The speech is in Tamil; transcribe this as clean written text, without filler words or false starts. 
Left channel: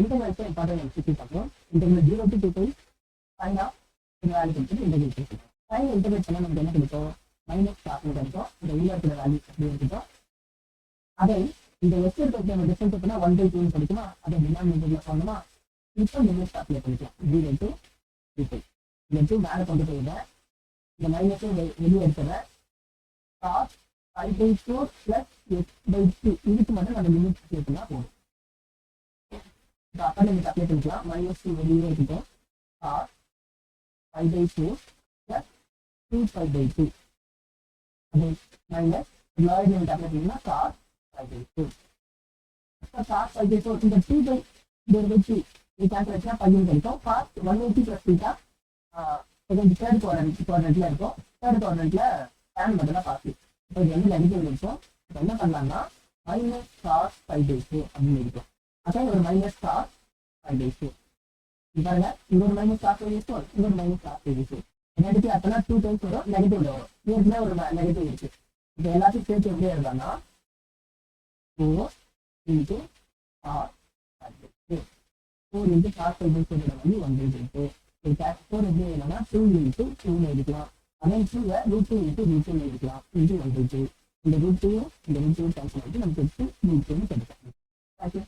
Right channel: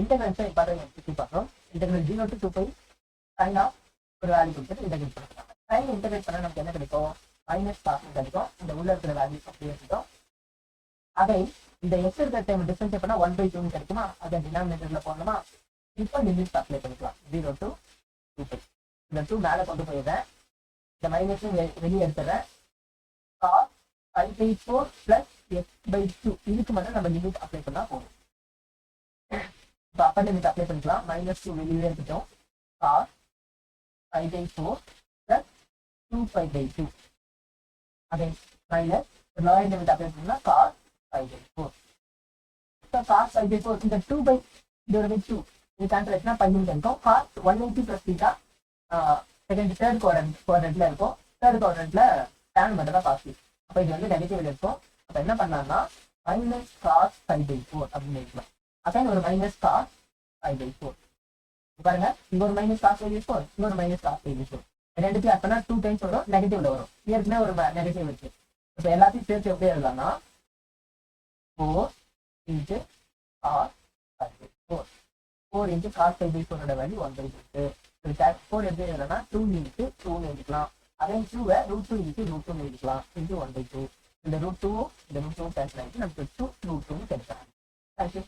இன்டெகிரல்ஸை இம்பார்ட்டன்ட் சுற்றி பார்க்கணும். Integral 0 to 2 pi sine of ஒரு வேல்யூ கொடுத்துட்டு இன்டெகிரேட் பண்ணிக்கலாம். சைன் இன்டெகிரேட் பண்ணால் நமக்கு என்ன கிடைக்கும்? மைனஸ் காசுன்னு கிடைக்கும். அந்த உள்ள இருக்கிற வேல்யூ அப்படியே இருக்கட்டும். அதை இந்த எக்ஸ் இருக்கிற டைம் டிஃபரன்ஸ் பண்ணால் 1/2 கிடைக்குமா? அதை டினாமினேட்டர்ல போடணுமா? இப்போ லிமிட் அப்ளை பண்ணிக்கலாம். 0 to 2 பை. இந்த 2 மேலே கொண்டு போயிடுறேன். இந்த மைனஸும் வெளியே எடுத்துறேன். காஸ் 5/4 பிளஸ் x/2 இதுக்கு மட்டும் நம்ம லிமிட் அப்ளை பண்ணா போதும். இப்போ அப்பர் லிமிட் அப்ளை பண்ணிக்கலாம். -2 வெளியே இருக்கட்டும். காஸ் 5/4 பிளஸ் 2π/2 அதை மைனஸ் லோயர் லிமிட் அப்ளை பண்ணலாம். காஸ் 5/4 காஸ் 5/4 இந்த 2/2 இது கேன்சல் ஆச்சுன்னா பையன் கிடைக்கும். காஸ் 180 பிளஸ் தீட்டா தேர்ட் குவாட்ரண்ட்ல இருக்கும். தேர்ட் குவாட்ரண்ட்ல tan மட்டும் தான் காசு. அப்போ இது வந்து நெகட்டிவ் இருக்கும். அப்போ என்ன பண்ணலாம்னா மைனஸ் காஸ் 5/4 அப்படின்னு இருக்கலாம். அப்போ ஒரு மைனஸ் காஸ் 5/4 பாருங்க. இங்க ஒரு மைனஸ் காஸ் 5/4, இங்க ஒரு மைனஸ் காஸ் 5/4. ரெண்டுத்தையும் அப்பனா 2 டைம்ஸ் வரும், நெகட்டிவ்ல வரும். ஏற்கனவே ஒரு நெகட்டிவ் இருக்கு. இப்போ எல்லாத்தையும் சேர்த்து எப்படி எழுதலாம்னா 4 into cos 5/4. 4 into cos 5/4 value 1/2. 4 எப்படி எழுதலாம்னா 2 into 2 எழுதிக்கலாம். அதே 2 √2 into √2 எழுதிக்கலாம். into 1/2. இந்த √2 இந்த √2 கேன்சல் ஆகிட்டு நமக்கு 2 √2 கிடைக்கும். தேங்க்யூ.